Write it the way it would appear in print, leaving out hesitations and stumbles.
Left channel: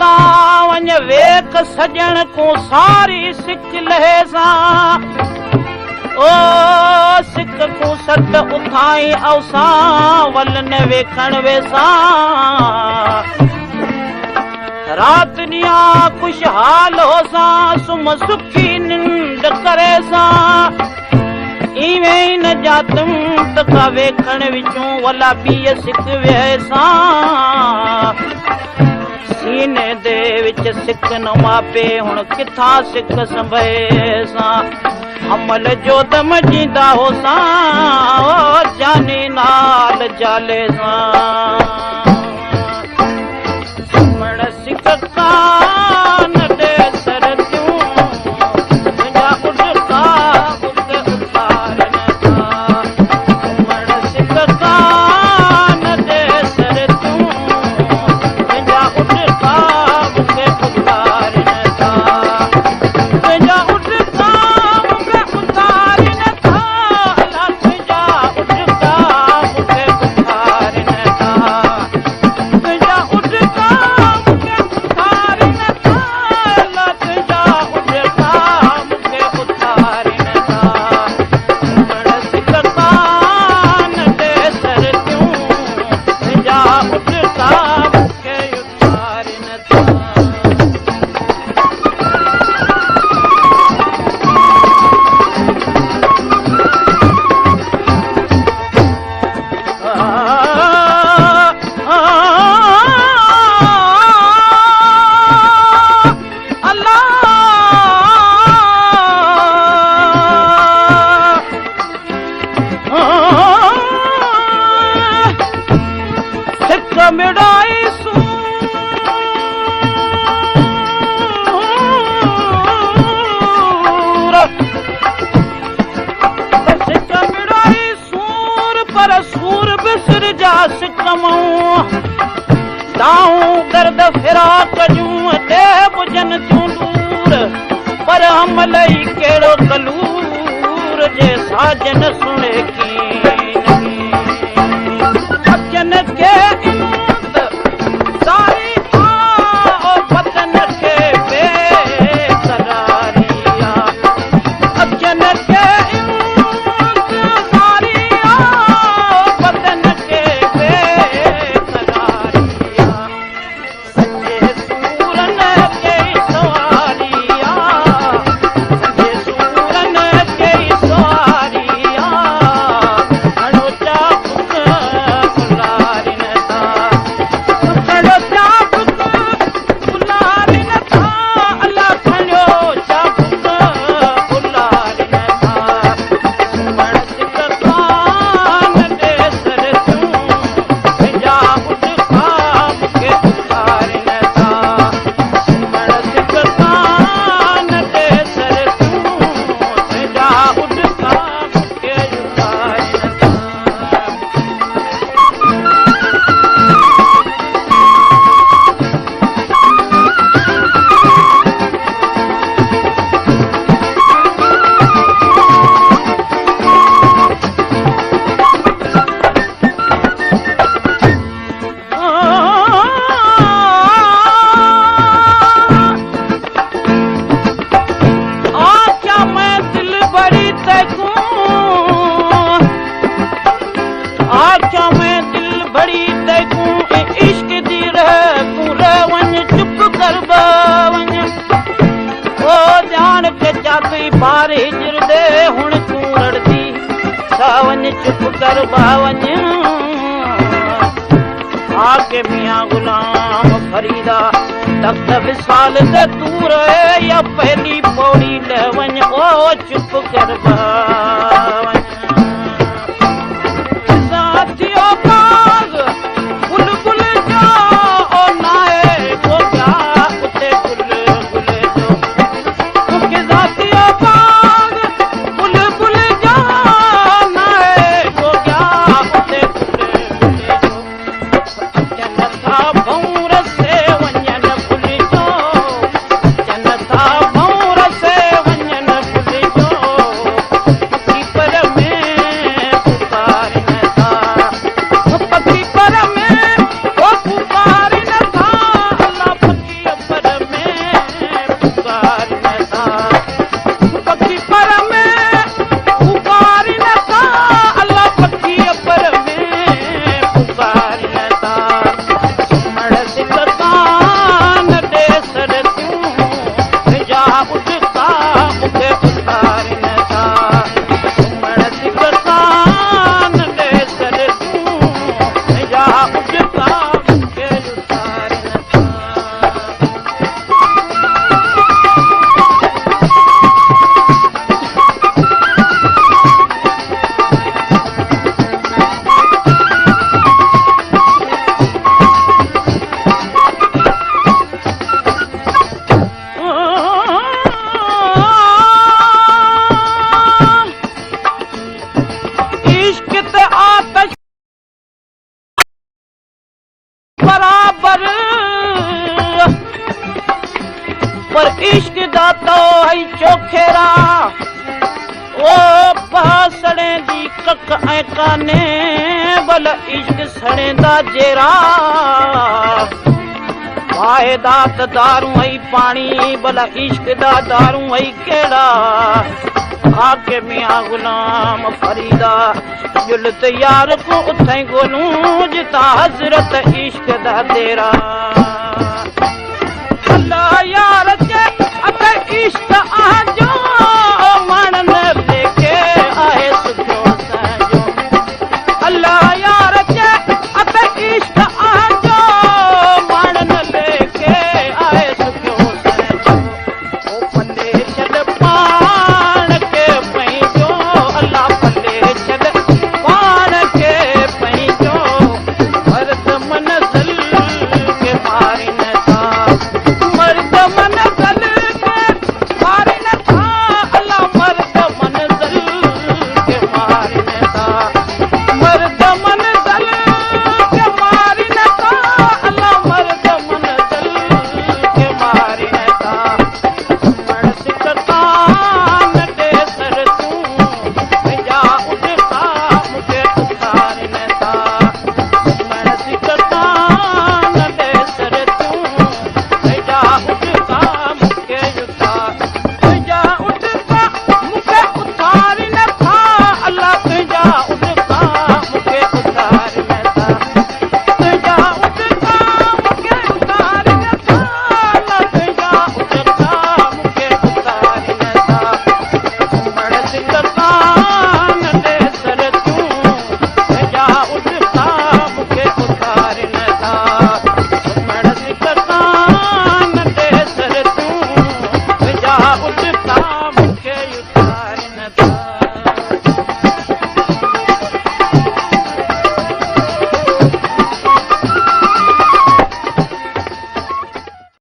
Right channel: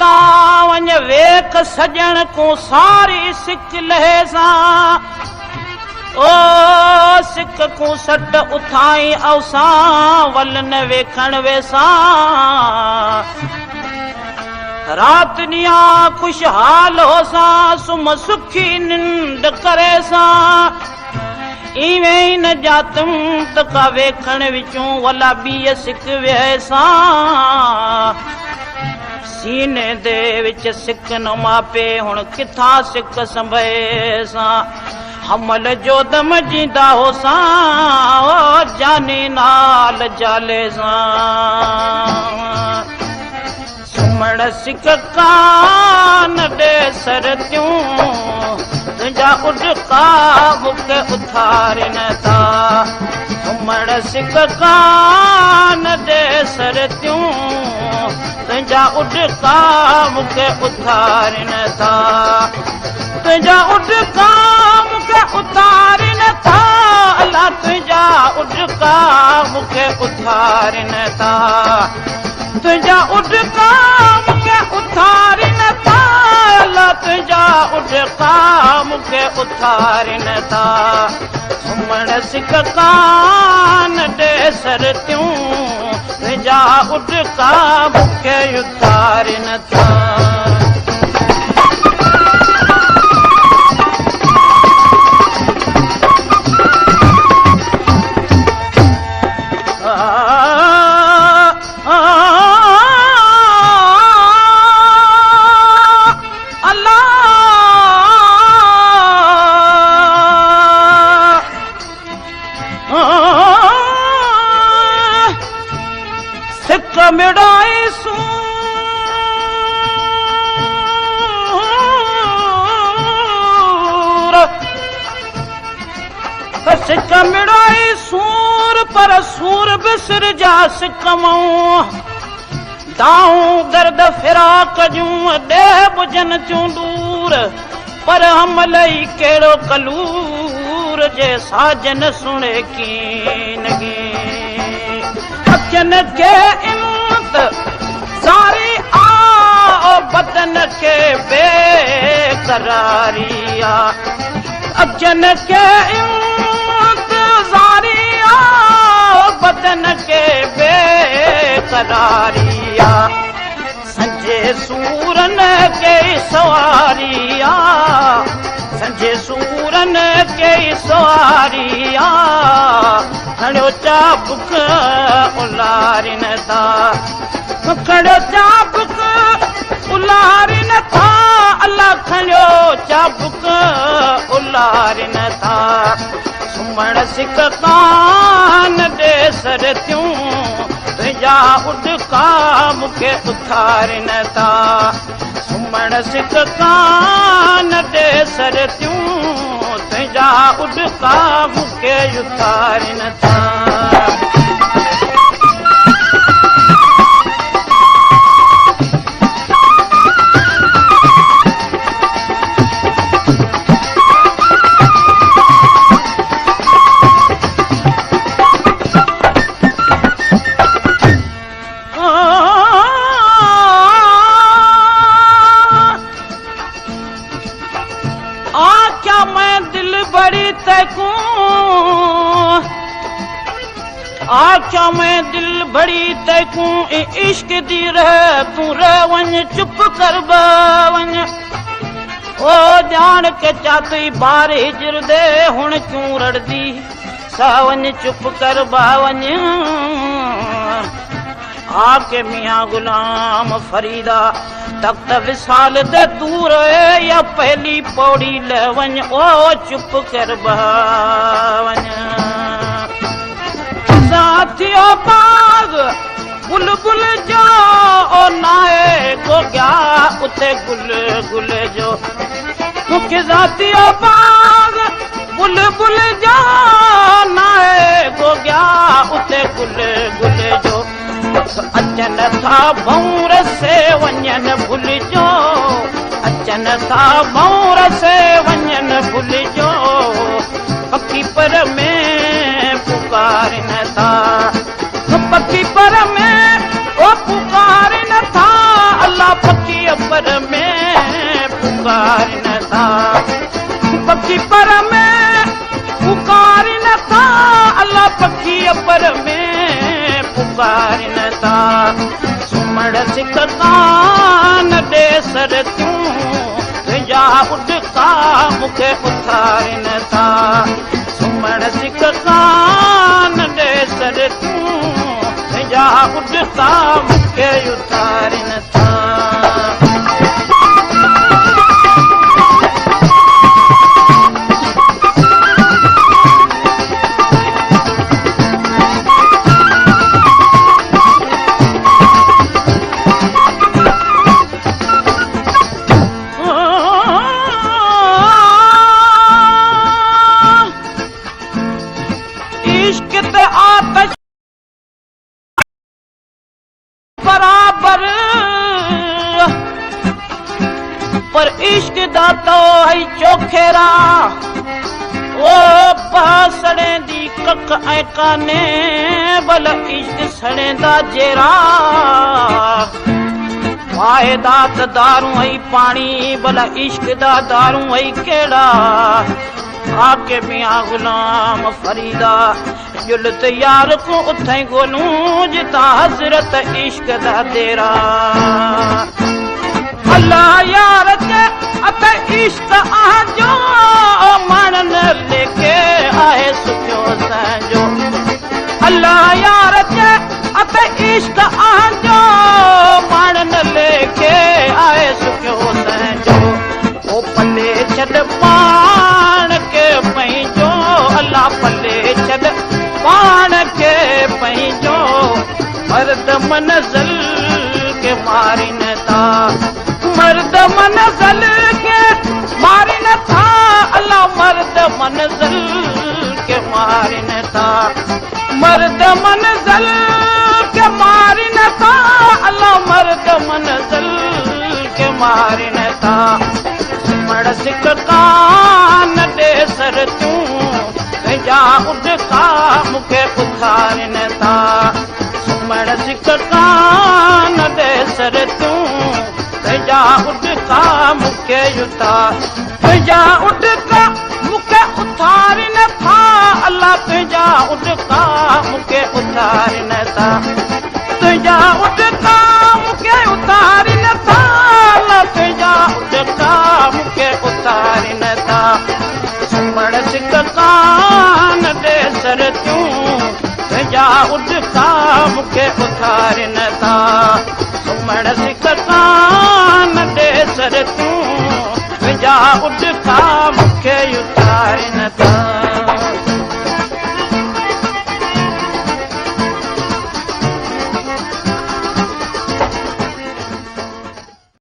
ता वञ वेख सजण को सारी सिक लहे सां ओ सिक को सट उथाई अवसां वल न वेखण वेसां रात ॾिया खुशहाल होसां सुम सुखी निंड करे सां इवें न जातुम तका वेखण विचूं वला ॿीअ सिक वेह सां सीने दे विच सिक न मापे हुण किथां सिक संभे सां हमल जो दम जींदा होसां ओ जानी नाल जाले सां सुमण सिक कान ॾे सर तूं तुंहिंजा उॾका बुके उथारन था सुमण सिक कान ॾे सर तूं तुंहिंजा उॾका बुके उथारन था तुंहिंजा उॾका बुके उथारन था अलाह तुंहिंजा उॾका बुके उथारन था तुंहिंजा उॾका बुके उथारन था अलाह तुंहिंजा उॾका बुके उथारन था सुमण सिक कान ॾे सर तूं तुंहिंजा उॾका बुके उथारन था सिक मिड़ाई सूर सिक मिड़ाई सूर पर सूर बिसर जा सिकमऊं दाऊं दर्द फिराक जूं देह बुझन जूं दूर पर हमल ई कहिड़ो कलूर जे साजन सुणे कीन अखियन खे इम्त सारी आ बदन खे बेकरारी आ अखियन खे इम्त सारी आ बदन खे बेकरारी आ संजे सूरन के सवारी आ संजे सूरन के सवारी आ खड़ो चाबुक उलारिन था खड़ो चाबुक उलारिन था अलाह खड़ो चाबुक उलारिन था सुमण सिक कान ॾे सर तूं तुंहिंजा उॾका मूंखे उथारिन था सुमण सिक कान ॾे सर तूं तुंहिंजा उॾका मूंखे उथारिन था आख्या मैं दिल बड़ी तकूं इश्क दी रह तूं रह वञ चुप कर वञ ओ जान के चाती बार हिजर दे हुण तूं रड़दी सा वञ चुप कर वञ आके मियां गुलाम फरीदा तख्त विसाल ते तू रहे या पहली पौड़ी ल वञ ओ चुप कर वञ साथियो बाग बुलबुल जो ओ नाए को क्या उते गुल गुल जो मुखे साथियो बाग बुलबुल जो नाए को क्या उते गुल गुल जो अचन था भौर से वञन भुल जो अचन था भौर से वञन भुल जो पकी पर में पुकारन था पकी पर में ओ पुकारन था अल्लाह फकीर पखी पर में पुकारी न था अल्लाह पखी पर में पुकारी न था सुमण सिकता न दे सर तूं जा उठता मुझे उतार न था सुमण सिकता न दे सर तूं जा उठता मुझे उतार न था इश्क ते आतश बराबर पर इश्क दा तो है चोखेरा ओ बासड़े दी कख ऐ काने बल इश्क सड़े दा जेरा वायदा त दारू है पानी बल इश्क दा दारू है केड़ा आके मियां गुलाम फरीदा दिल ते यार को उथे गोलूं जिता हजरत इश्क दा तेरा अल्लाह यार ते अते इश्क आ जो मन ने लेके आए सुखो सजो अल्लाह यार ते अते इश्क आ जो मन ने लेके आए सुखो सजो ओ पल्ले चल पान के पैजो अल्लाह पल्ले चल पान के पैजो मर्द मनज़ल के मारी न था मर्द मनज़ल के मारी न था अल्लाह मर्द मनज़ल के मारी न था मर्द मनज़ल के मारी न था अल्लाह मर्द मनज़ल के मारी न था मड़ सिकता न दे सर तूं जा उठता मुझे उतार न था मड़ सिकता न दे सर तूं जा उठता मुझे उतार जा उठता मुझे उतार न था अल्लाह तुझा उठता मुझे उतार न था तुझा उठता मुझे उतार न था अल्लाह तुझा उठता मुझे उतार न था सुमण सिकता न दे सर तूं जा उठता मुझे उतार न था